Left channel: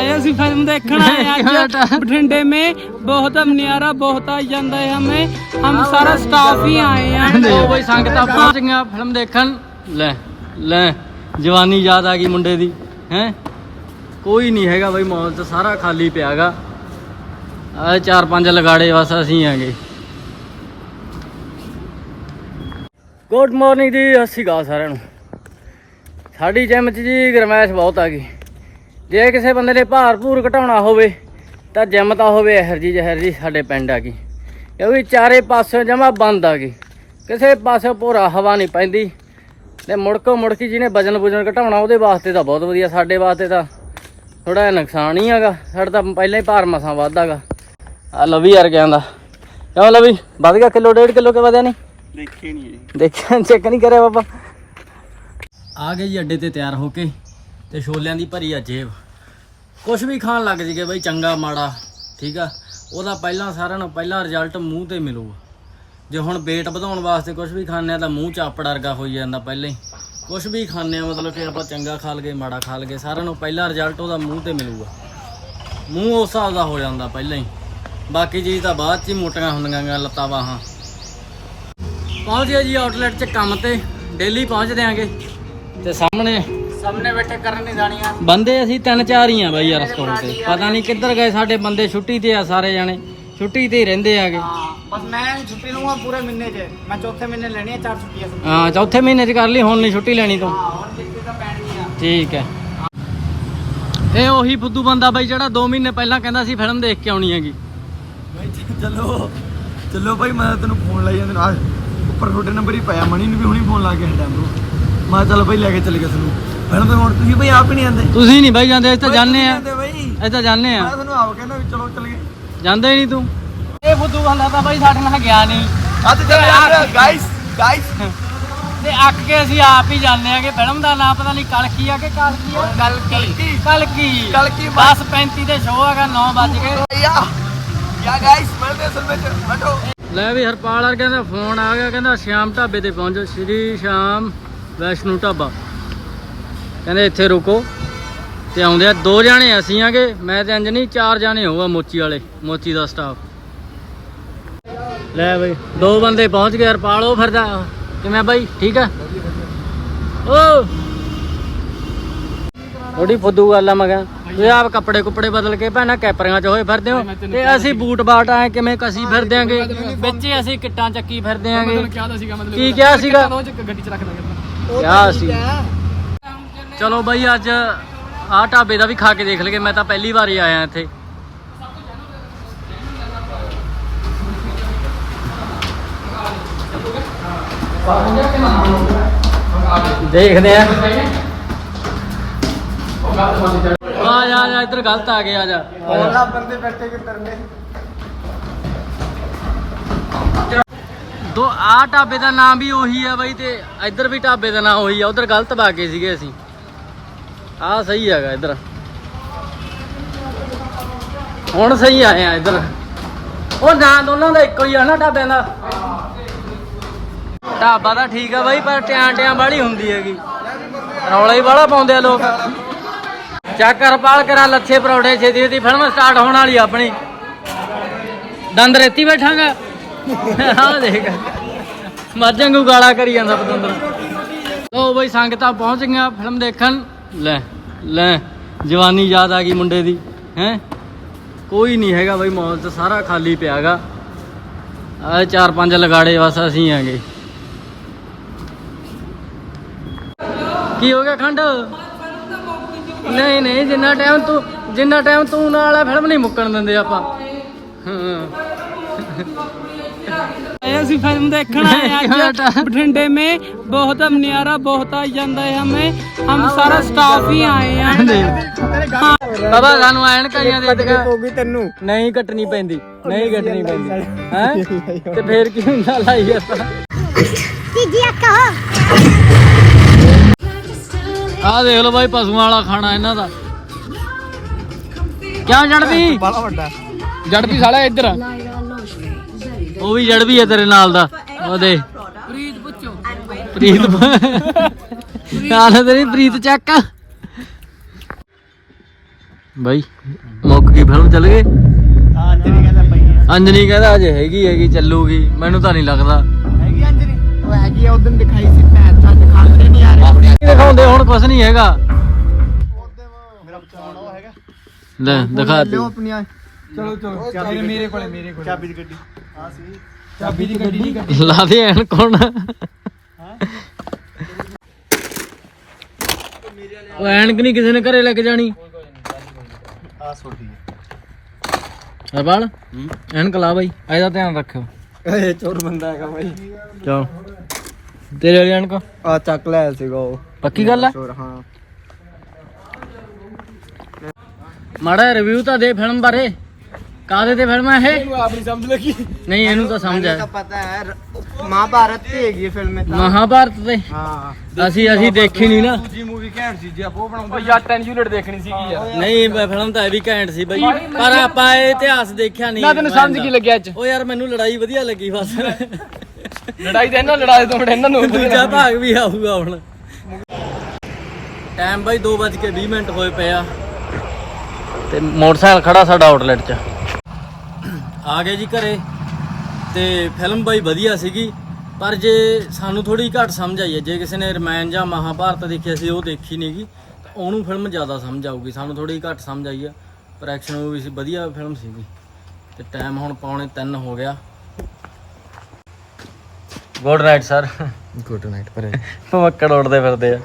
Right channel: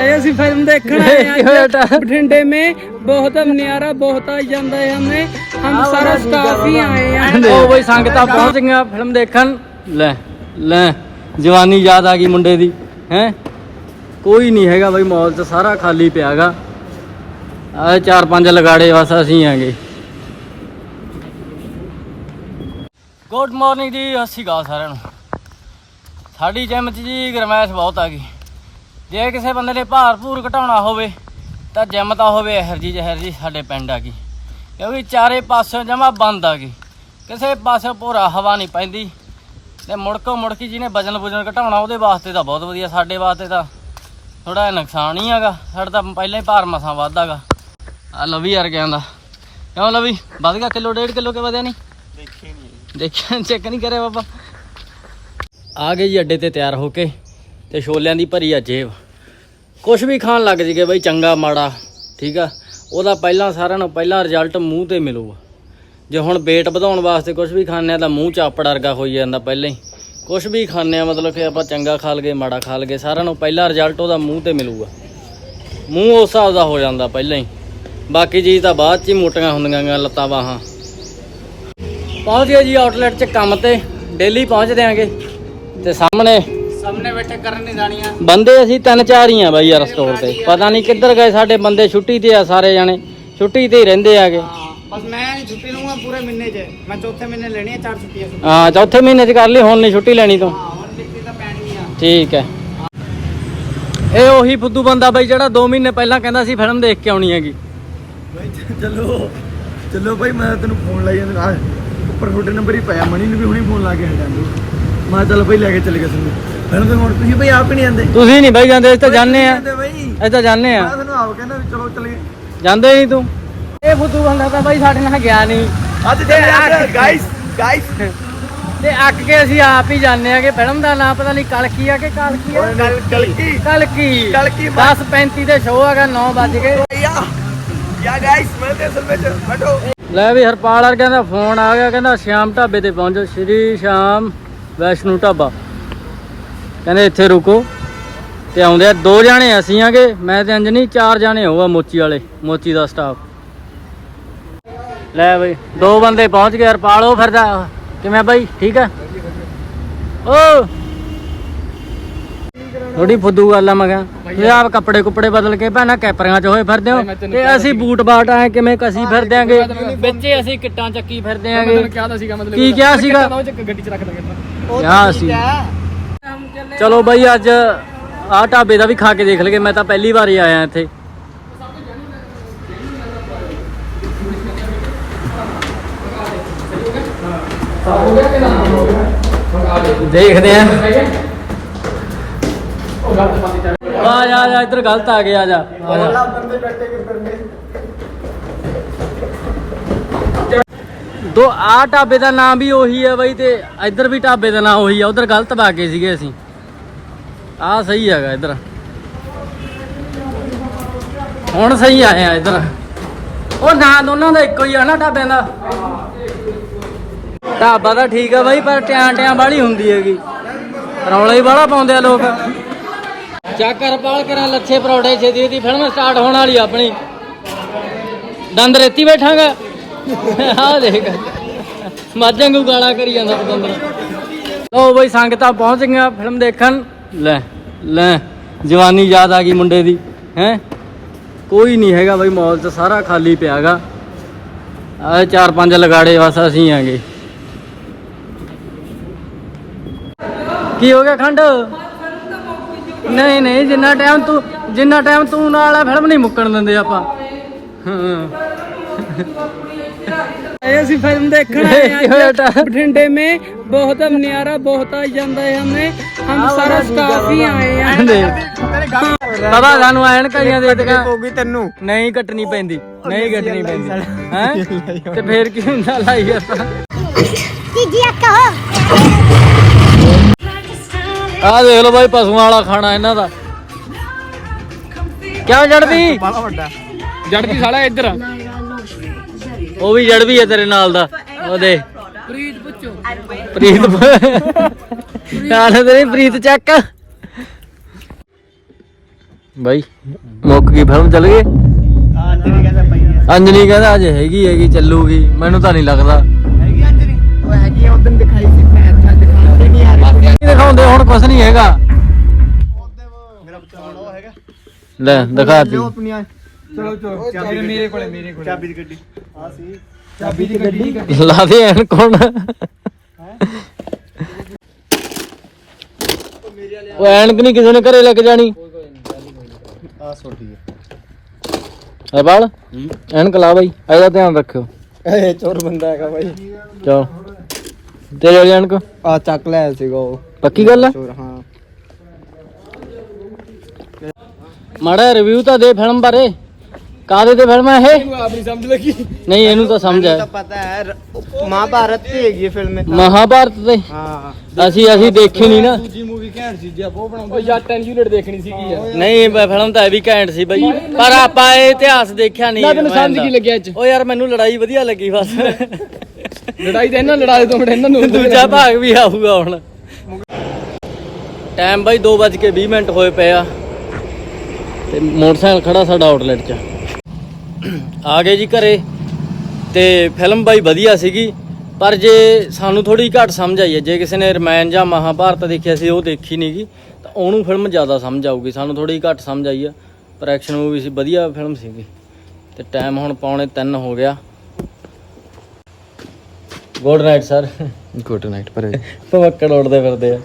आए ਅਸੀਂ ਫਿਲਮ ਦੇਖਣ ਆਏ ਹਾਂ ਕਿਵੇਂ ਬੇਟਾ? ਅੱਜ ਬਠਿੰਡੇ में बहुत नजारा बहुत आ ਜਾਂਦਾ ਹੈ हमें हम सारा स्टाफ ही आए हैं ਉਹ ਬਈ ਸੰਗਤਾਂ ਪਹੁੰਚ ਗਈਆਂ ਫਿਲਮ ਦੇਖਣ ਲੈ ਲੈ ਜਵਾਨੀ ਯਾਦ ਆ ਗਈ ਮੁੰਡੇ ਦੀ ਹੈ ਕੋਈ ਨਹੀਂ ਹੈਗਾ ਬਈ ਮਾਲ 'ਚ ਸਾਰਾ ਖਾਲੀ ਪਿਆਗਾ ਆ ਚਾਰ ਪੰਜ ਲਗਾੜੇ ਬਸ ਅਸੀਂ ਆਂਗੇ ਗੁੱਡ ਮਾਰਨਿੰਗ ਜੀ ਸਤਿ ਸ਼੍ਰੀ ਅਕਾਲ ਸਾਰਿਆਂ ਨੂੰ ਸਾਡੀ ਜਿਮ 'ਚ ਜੀ ਗਰਮੈਸ਼ ਬਹੁਤ ਆ ਗਈ ਜੇ ਕਿਸੇ ਬੰਦੇ ਨੇ ਭਾਰ ਭੂਰ ਘਟਾਉਣਾ ਹੋਵੇ ਤਾਂ ਜਿਮ ਤਾਂ ਹੋਵੇ ਇਹਰ ਜੀ ਜ਼ਹਿਰ ਜੀ ਸਾਡੇ ਪਿੰਡ ਆ ਗਈ। ਕਿਉਂਕਿ ਚਾਰੇ ਪਾਸਿਓਂ ਜਮਾ ਬੰਦ ਆ ਗਈ। ਕਿਸੇ ਪਾਸੇ ਪੂਰਾ ਹਵਾ ਨਹੀਂ ਪੈਂਦੀ ਤੇ ਮੁੜਕੋ ਮੁੜਕੀ ਜਿਹਨੇ ਵਜਨ ਵੁਜਨ ਘਟਾਉਣਾ ਉਹਦੇ ਵਾਸਤੇ ਤਾਂ ਬਹੁਤ ਵਧੀਆ ਸਾਡੇ ਵਾਸਤੇ ਤਾਂ ਥੋੜਾ ਜਿਹਾ ਨੁਕਸਾਨ ਹੀ ਹੈਗਾ। ਸਾਡਾ ਤਾਂ ਪਹਿਲਾਂ ਹੀ ਭਾਰ ਮਸਾਂ ਵੱਧਦਾਗਾ ਆ ਲਵੀ ਯਾਰ ਕਹਿੰਦਾ ਕਿਉਂ ਲਵੀ? ਵੱਧ ਗਿਆ ਕਿਲੋ ਡੇਢ ਕਿਲੋ ਕੇ ਵਧਿਆ ਨਹੀਂ? ਦੇਖੇ ਨਹੀਂ ਦੇਖਿਆ ਚੈੱਕ ਨਹੀਂ ਕਰਿਆ ਬਾਬਾ। ਆ ਗਏ ਜੀ ਅੱਡੇ ਤੇ ਤਿਆਰ ਹੋ ਕੇ। ਤੇ ਛੋਲਿਆਂ ਦੀ ਭਰੀ ਆ ਜੇਬ। ਕੁਝ ਵੀ ਖਾਣ ਲੱਗ ਜੀਗੇ ਬਈ, ਚੰਗਾ, ਮਾੜਾ, ਠੀਕ ਆ? ਉਹਦਾ ਪਹਿਲਾਂ ਸਾਰਿਆਂ ਨੂੰ ਪਹਿਲਾਂ ਰਿਜ਼ਲਟ ਮੂੰਹ ਤੇ ਮਿਲੂਗਾ। ਜੇ ਹੁਣ weight ਵਧਾਉਣ ਵਾਸਤੇ ਕੁਝ ਵੀ ਖਾਂਦੇ ਆ ਤਾਂ ਮੂੰਹ ਚਾਪੜ ਵਰਗਾ ਹੋਈ ਜਾਂਦਾ ਪਹਿਲਾਂ ਹੀ। ਕੁਝ ਵੀ ਖਾਂਦੇ ਆ ਮਤਲਬ ਕਿ ਆਪਾਂ ਚੰਗਾ ਖਾ ਲਗੇ, ਮਾੜਾ ਖਾ ਲਗੇ, ਸਾਰਿਆਂ ਨੂੰ ਪਹਿਲਾਂ ਰਿਜ਼ਲਟ ਉਹਦਾ ਮੂੰਹ ਤੇ ਮਿਲੂਗਾ। ਮੂੰਹ ਉਸ ਹਿਸਾਬ ਦਾ ਹੋ ਜਾਂਦਾ ਪਹਿਲਾਂ ਹੀ। ਬਾਕੀ ਚੀਜ਼ ਤਾਂ ਬਾਅਦ ਚ ਹੀ ਮੋਟੀਆਂ ਹੁੰਦੀਆਂ ਗੀਆਂ ਲੱਤਾਂ, ਬਾਹਾਂ। ਪਹੁੰਚ ਗਏ ਜੀ ਆਊਟਲੈਟ 'ਚ ਕੰਮ ਤੇ। ਡੇਲੀ ਪਹੁੰਚਦੇ ਆਂਗੇ ਤੇ ਸਾਹਮਣੇ ਸਾਹਮਣੇ ਬੈਠੇ ਕਰਨ ਨਹੀਂ ਜਾਣੀਆਂ। ਬੰਦੇ ਅਸੀਂ ਤਿੰਨ ਚਾਰ ਹੀ ਆ ਬਾਈ ਯਾਰ ਸਟੋਰ ਤੇ। ਪਤਾ ਨਹੀਂ ਕਿੱਧਰ ਗਏ ਸਾਡੇ ਬੰਦੇ ਛੁੱਟੀ ਤੇ ਆ ਸਾਰੇ ਜਾਣੇ। ਛੁੱਟੀ ਤੇ ਹੀ ਰਹਿੰਦੇ ਆਗੇ। ਬਸ ਮੈਂ ਛੁੱਟੀ ਲਵਾਂ ਪੂਰੇ ਮਹੀਨੇ 'ਚ। ਮੈਂ ਚੌਥੇ ਮਹੀਨੇ ਲੈਣੀ ਹੈ ਚਾਰ ਛੁੱਟੀਆਂ ਹਾਂ ਚੌਥੇ ਮਹੀਨੇ 'ਚ ਕਰ ਲਈ ਹੁਣ ਨਹੀਂ ਛੁੱਟੀ ਲੈਣੀ ਤੂੰ। ਹਾਂ ਹੁਣ ਛੁੱਟੀ ਤਾਂ ਪੈਣੀ ਆ ਠੀਕ ਹੈ। ਇਹ ਉਹੀ ਫੁੱਦੂ ਬੰਦਾ ਬਾਈ ਜਿਹੜਾ 2 ਮਹੀਨੇ ਪਹਿਲਾਂ ਕਹਿੰਦਾ ਸੀ ਫਿਲਮ ਦੇਖ ਕੇ ਆਉਣੀ ਹੈਗੀ। ਚਲੋ ਚਲੋ ਭਾਈ ਮੈਂ ਤੈਨੂੰ ਫੋਨ ਲਾਈ ਜਾਂਦਾ। ਆ ਉੱਪਰ ਤੁਹਾਡੇ ਨੰਬਰ ਹੀ ਪਿਆ। ਮਣੀ ਨੂੰ ਵੀ ਹੁਣੀ ਫੋਨ ਲਾ ਕੇ ਹਟਾਂ ਦੋ। ਮੈਂ ਚੱਲ ਭਾਈ ਲੈ ਕੇ ਚੱਲ ਗਿਆ ਤੁਹਾਨੂੰ ਫਿਰ ਤਾਂ ਹੁਣ ਤੁਸੀਂ ਭਾਈ ਆਪ ਹੀ ਨਹੀਂ ਆਂਦੇ ਤੁਸੀਂ ਨਹੀਂ ਬਾਈ ਜਾਂਦੇ ਅਸੀਂ ਤਾਂ ਜਾਂਦੇ ਆ ਅਸੀਂ ਤਾਂ ਜਾਂਦੇ ਮੈਂ ਆ ਤੁਹਾਨੂੰ ਆਪ ਕਹਿੰਦਾ ਵੀ ਚਲੋ ਚੱਲੀਏ। ਜਾਂਦੇ ਨਹੀਂ ਤੂੰ। ਇਹ ਫੁੱਦੂ ਬੰਦਾ ਤਾਂ ਬਾਈ ਸਾਡੇ ਨਾਲ ਗਿਆ ਨਹੀਂ। ਅੱਜ ਚੱਲ ਗਾਇਸ ਗਾਇਸ ਤੇ ਅੱਕ ਕੇ ਅਸੀਂ ਆਪ ਹੀ ਜਾਂਦੇ ਆਗੇ ਫਿਲਮ ਦਾ ਨਾਮ ਪਤਾ ਨਹੀਂ ਕਲਕੀ ਆ ਕਿ ਕਲਕੀ ਆ? ਕਲਕੀ ਕਲਕੀ ਕਲਕੀ 10:35 ਦੇ ਸ਼ੋਅ ਹੈਗਾ 9 ਵੱਜ ਕੀ ਗਾਇਸ ਮੈਂ ਤੇ ਅਸਲ ਵਿੱਚ ਬੈਠੋ। ਲੈ ਵੀ ਹਰਪਾਲ ਵਰਗਿਆਂ ਦਾ ਫੋਨ ਆ ਗਿਆ ਕਹਿੰਦਾ ਸ਼ਾਮ ਢਾਬੇ ਤੇ ਪਹੁੰਚੋ। ਸ਼੍ਰੀ ਸ਼ਾਮ ਵੈਸ਼ਨੂ ਢਾਬਾ। ਕਹਿੰਦੇ ਇੱਥੇ ਰੁਕੋ। ਤੇ ਆਉਂਦੇ ਆ ਦੋ ਜਾਣੇ ਅਸੀਂ ਆਗੇ। ਮੈਂ ਤੇ ਅੰਜਨੀ ਚਾਰ ਜਾਣੇ ਹੋਊਗਾ ਮੋਚੀ ਵਾਲੇ ਮੋਚੀ ਦਾ ਸਟਾਫ ਲੈ ਬਈ ਦੋ ਬੰਦੇ ਪਹੁੰਚ ਗਏ ਹਰਪਾਲ ਉਹ ਫਿਰਦਾ। ਕਿਵੇਂ ਬਾਈ? ਠੀਕ ਆ? ਓ! ਥੋੜੀ ਫੁੱਦੂ ਗੱਲ ਆ ਮੈਂ ਕਿਹਾ ਇਹ ਆਪ ਕੱਪੜੇ ਕੁੱਪੜੇ ਬਦਲ ਕੇ ਭੈਣਾ ਕੈਪਰੀਆਂ ਚ ਹੋਏ ਫਿਰਦੇ ਹੋ। ਤੇ ਅਸੀਂ ਬੂਟ ਬਾਟ ਆਏ ਕਿਵੇਂ ਕਸੀ ਫਿਰਦੇ ਆਂਗੇ। ਵਿੱਚ ਅਸੀਂ ਕਿੱਟਾਂ ਚੱਕੀ ਫਿਰਦੇ ਆਂਗੇ। ਕਿਹਾ ਸੀਗਾ ਮਤਲਬ ਕੀ ਕਿਹਾ ਸੀਗਾ? ਗੱਡੀ 'ਚ ਰੱਖ ਦਾਂਗੇ ਹਾਂ ਸੀ। ਚਲੋ ਬਾਈ ਅੱਜ ਆਹ ਢਾਬੇ ਦਾ ਵੀ ਖਾ ਕੇ ਦੇਖ ਲਗੇ ਮੈਂ ਤਾਂ ਪਹਿਲੀ ਵਾਰ ਹੀ ਆਇਆ ਇੱਥੇ। ਦੇਖਦੇ ਆਂ। ਆ ਜਾ ਆ ਜਾ, ਇੱਧਰ ਗਲਤ ਆ ਗਿਆ ਆ ਜਾ। ਦੋ ਆ ਢਾਬੇ ਦਾ ਨਾਮ ਵੀ ਉਹੀ ਹੈ ਬਾਈ ਤੇ ਇੱਧਰ ਵੀ ਢਾਬੇ ਦਾ ਨਾਮ ਉਹੀ ਆ, ਉਧਰ ਗਲਤ ਪਾ ਕੇ ਸੀਗੇ ਅਸੀਂ। ਆ ਸਹੀ ਹੈਗਾ ਇੱਧਰ। ਹੁਣ ਸਹੀ ਆਇਆ ਇੱਧਰ। ਉਹ ਨਾਂ, ਦੋਨਾਂ ਦਾ ਇੱਕੋ ਹੀ ਆ ਨਾ ਢਾਬੇ ਦਾ ਢਾਬਾ ਤਾਂ ਠੀਕ ਆ ਬਾਈ, ਪਰ ਟਿਆਂ ਟਿਆਂ ਵਾਲੀ ਹੁੰਦੀ ਹੈਗੀ। ਰੌਲਾ ਹੀ ਬਾਹਲਾ ਪਾਉਂਦੇ ਆ ਲੋਕ। ਚੱਕ ਰਪਾਲ ਕਰਾਂ ਲੱਛੇ ਪਰੌੜੇ ਛੇਤੀ ਛੇਤੀ ਫਿਲਮ ਸਟਾਰਟ ਹੋਣ ਵਾਲੀ ਆਪਣੀ। ਦੰਦ ਰੇਤੀ ਬੈਠਾਂਗਾ। ਆਹ ਦੇਖ। ਮੱਝਾਂ ਗਾਲਾ ਕਰੀ ਜਾਂਦਾ ਪਤੰਦਰ ਲੋ ਬਈ, ਸੰਗਤਾਂ ਪਹੁੰਚ ਗਈਆਂ ਫਿਲਮ ਦੇਖਣ। ਲੈ ਲੈ, ਜਵਾਨੀ ਯਾਦ ਆ ਗਈ ਮੁੰਡੇ ਦੀ, ਹੈ? ਕੋਈ ਨਹੀਂ ਹੈਗਾ ਬਈ ਮਾਲ 'ਚ ਸਾਰਾ ਖਾਲੀ ਪਿਆਗਾ। ਆ ਚਾਰ ਪੰਜ ਲਗਾੜੇ ਬਸ ਅਸੀਂ ਆਂਗੇ। ਕੀ ਹੋ ਗਿਆ ਖੰਡ? ਨਹੀਂ ਨਹੀਂ, ਜਿੰਨਾ ਟਾਈਮ ਤੂੰ, ਜਿੰਨਾ ਟਾਈਮ ਤੂੰ ਨਾਲ ਆ, ਫਿਲਮ ਨਹੀਂ ਮੁੱਕਣ ਦਿੰਦੇ ਆਪਾਂ। ਹਾਂ। ਆਏ ਅਸੀਂ ਫਿਲਮ ਦੇਖਣ ਆਏ ਹਾਂ ਕਿਵੇਂ ਬੇਟਾ? ਅੱਜ ਬਠਿੰਡੇ में बहुत नजारा बहुत आ ਜਾਂਦਾ ਹੈ हमें हम सारा स्टाफ ही आए हैं ਬਾਬਾ ਸਾਨੂੰ ਐਨ ਕਈਆਂ ਦੇ ਦੇਗਾ ਹੋਗੀ ਤੈਨੂੰ ਨਹੀਂ ਕੱਟਣੀ ਪੈਂਦੀ ਨਹੀਂ ਕੱਟਣੀ ਪੈਂਦੀ ਹੈ ਤੇ ਫੇਰ ਕੀ ਹੁੰਦਾ ਲਾਈ ਆਪਾਂ ਆ ਦੇਖ ਲਓ ਬਾਈ ਪਸ਼ੂਆਂ ਵਾਲਾ ਖਾਣਾ ਇਹਨਾਂ ਦਾ ਕਿਆ ਜੜਦੀ ਬੜਾ ਵੱਡਾ ਜੜਦੀ ਸਾਲਾ ਇੱਧਰ ਉਹ ਵੀ ਜੜ ਵੀ ਹੈ ਤੇਰੇ ਨਾਲ ਦਾ। ਉਹ ਦੇ। ਪ੍ਰੀਤ ਪੁੱਛੋ। ਪ੍ਰੀਤ ਨਾਲ ਤੇਰੀ ਪ੍ਰੀਤ ਚੱਕ। ਬਾਈ ਮੁੱਕ ਗਈ ਫਿਲਮ ਚੱਲ ਗਏ ਅੰਜਨੀ ਕਹਿੰਦਾ ਅਜੇ ਹੈਗੀ ਹੈਗੀ ਚੱਲੂਗੀ। ਮੈਨੂੰ ਤਾਂ ਨਹੀਂ ਲੱਗਦਾ। ਹੈਗੀ ਉਦੋਂ ਦਿਖਾਈ ਸੀ ਮੈਂ ਤਾਂ ਦਿਖਾਉਂਦੇ ਨਹੀਂ ਆ ਰਹੇ ਦਿਖਾਉਂਦੇ ਹੁਣ ਕੁਝ ਨਹੀਂ ਹੈਗਾ। ਉਹ ਹੈਗਾ ਲੈ ਦਿਖਾਤੀ ਆਪਣੀਆਂ। ਚਲੋ ਚਲੋ ਚਾਬੀ ਮੇਰੇ ਕੋਲੇ ਮੇਰੇ ਕੋਲੇ। ਚਾਬੀ ਦੀ ਗੱਡੀ। ਆ ਸੀ ਚਾਬੀ ਦੀ ਗੱਡੀ ਲਾ ਦੇ ਐਨ ਕੌਣ? ਉਹ ਐਨਕ ਨਹੀਂ ਕਿਸੇ ਨੇ ਘਰੇ ਲੈ ਕੇ ਜਾਣੀ। ਆ ਛੋਟੀ ਹੈ। ਐਨਕ ਲਾ ਬਾਈ ਇਹਦਾ ਧਿਆਨ ਰੱਖਿਓ। ਇਹ ਚੋਰ ਬੰਦਾ ਹੈਗਾ ਬਾਈ। ਚਲੋ। ਤੇਰੇ ਵਾਲੀ ਐਨਕ? ਆ ਚੱਕ ਲਿਆ ਸੀਗਾ ਉਹ। ਪੱਕੀ ਗੱਲ ਹੈ? ਚੋਰ ਹਾਂ। ਮਾੜਾ ਰਿਵਿਊ ਤਾਂ ਦੇ ਫਿਲਮ ਬਾਰੇ। ਕਾਦੇ ਤੇ ਫਿਲਮ ਹੈ ਇਹ? ਆਪਣੀ ਸਮਝ ਲੱਗੀ। ਨਹੀਂ ਇਹਨੂੰ ਤਾਂ ਸਮਝ ਆ ਪਤਾ ਹੈ ਮਹਾਭਾਰਤ ਦੀ ਹੈਗੀ ਹੈ ਫਿਲਮ ਮਹਾਭਾਰਤ ਤੇ? ਹਾਂ। ਅਸੀਂ ਅਸੀਂ ਦੇਖੀ ਨਹੀਂ ਨਾ। ਦੂਜੀ ਮੂਵੀ ਘੈਂਟ ਸੀ ਜੀ ਆਪ ਉਹ ਬਣਾਉਂਦਾ ਯਾਰ 10 ਯੂਨਿਟ ਦੇਖਣੀ ਸੀਗੀ ਯਾਰ। ਨਹੀਂ ਫਿਲਮ ਤਾਂ ਇਹ ਵੀ ਘੈਂਟ ਸੀ ਬਈ। ਪਰ ਆਪਾਂ ਇਹ ਇਤਿਹਾਸ ਦੇਖਿਆ ਨਹੀਂ ਨਾ ਤੈਨੂੰ ਸਮਝ ਕੀ ਲੱਗਿਆ ਅੱਜ? ਉਹ ਯਾਰ ਮੈਨੂੰ ਲੜਾਈ ਵਧੀਆ ਲੱਗੀ ਬਸ। ਲੜਾਈ ਦੇ ਇਹਨਾਂ ਲੜਾ ਦੇ ਮਿੰਟ ਇਹਨਾਂ ਨੂੰ ਦੂਜਾ ਭਾਗ ਵੀ ਆਊਗਾ ਹੁਣ। ਟਾਈਮ ਬਾਈ 2:20 ਮਿੰਟ ਹੋਏ ਪਏ ਆ। ਤੇ ਮੋਟਰਸਾਈਕਲ ਖੜਾ ਸਾਡਾ ਆਊਟਲੈਟ 'ਚ। ਆ ਗਏ ਜੀ ਘਰੇ ਤੇ ਫਿਲਮ ਬਾਈ ਵਧੀਆ ਸੀਗੀ ਪਰ ਜੇ ਸਾਨੂੰ ਥੋੜੀ ਘੱਟ ਸਮਝ ਆਈ ਹੈ ਜੇ ਕਿਸੇ ਨੇ ਰਮਾਇਣ ਜਾਂ ਮਹਾਭਾਰਤ ਦੇਖਿਆ ਸੀ ਉਹ ਦੇਖੀ ਨਹੀਂਗੀ ਤਾਂ ਉਹਨੂੰ ਫਿਲਮ ਜ਼ਿਆਦਾ ਸਮਝ ਆਊਗੀ ਸਾਨੂੰ ਥੋੜੀ ਘੱਟ ਸਮਝ ਆਈ ਆ ਪਰ ਐਕਸ਼ਨ ਮੂਵੀ ਸੀ ਵਧੀਆ ਫਿਲਮ ਸੀਗੀ। ਤੇ ਟਾਈਮ ਹੁਣ ਪੌਣੇ 3 ਹੋ ਗਿਆ। Good night sir good night ਪਰ ਭਮੱਕੜ ਉੜਦੇ ਫਿਰਦੇ ਆ।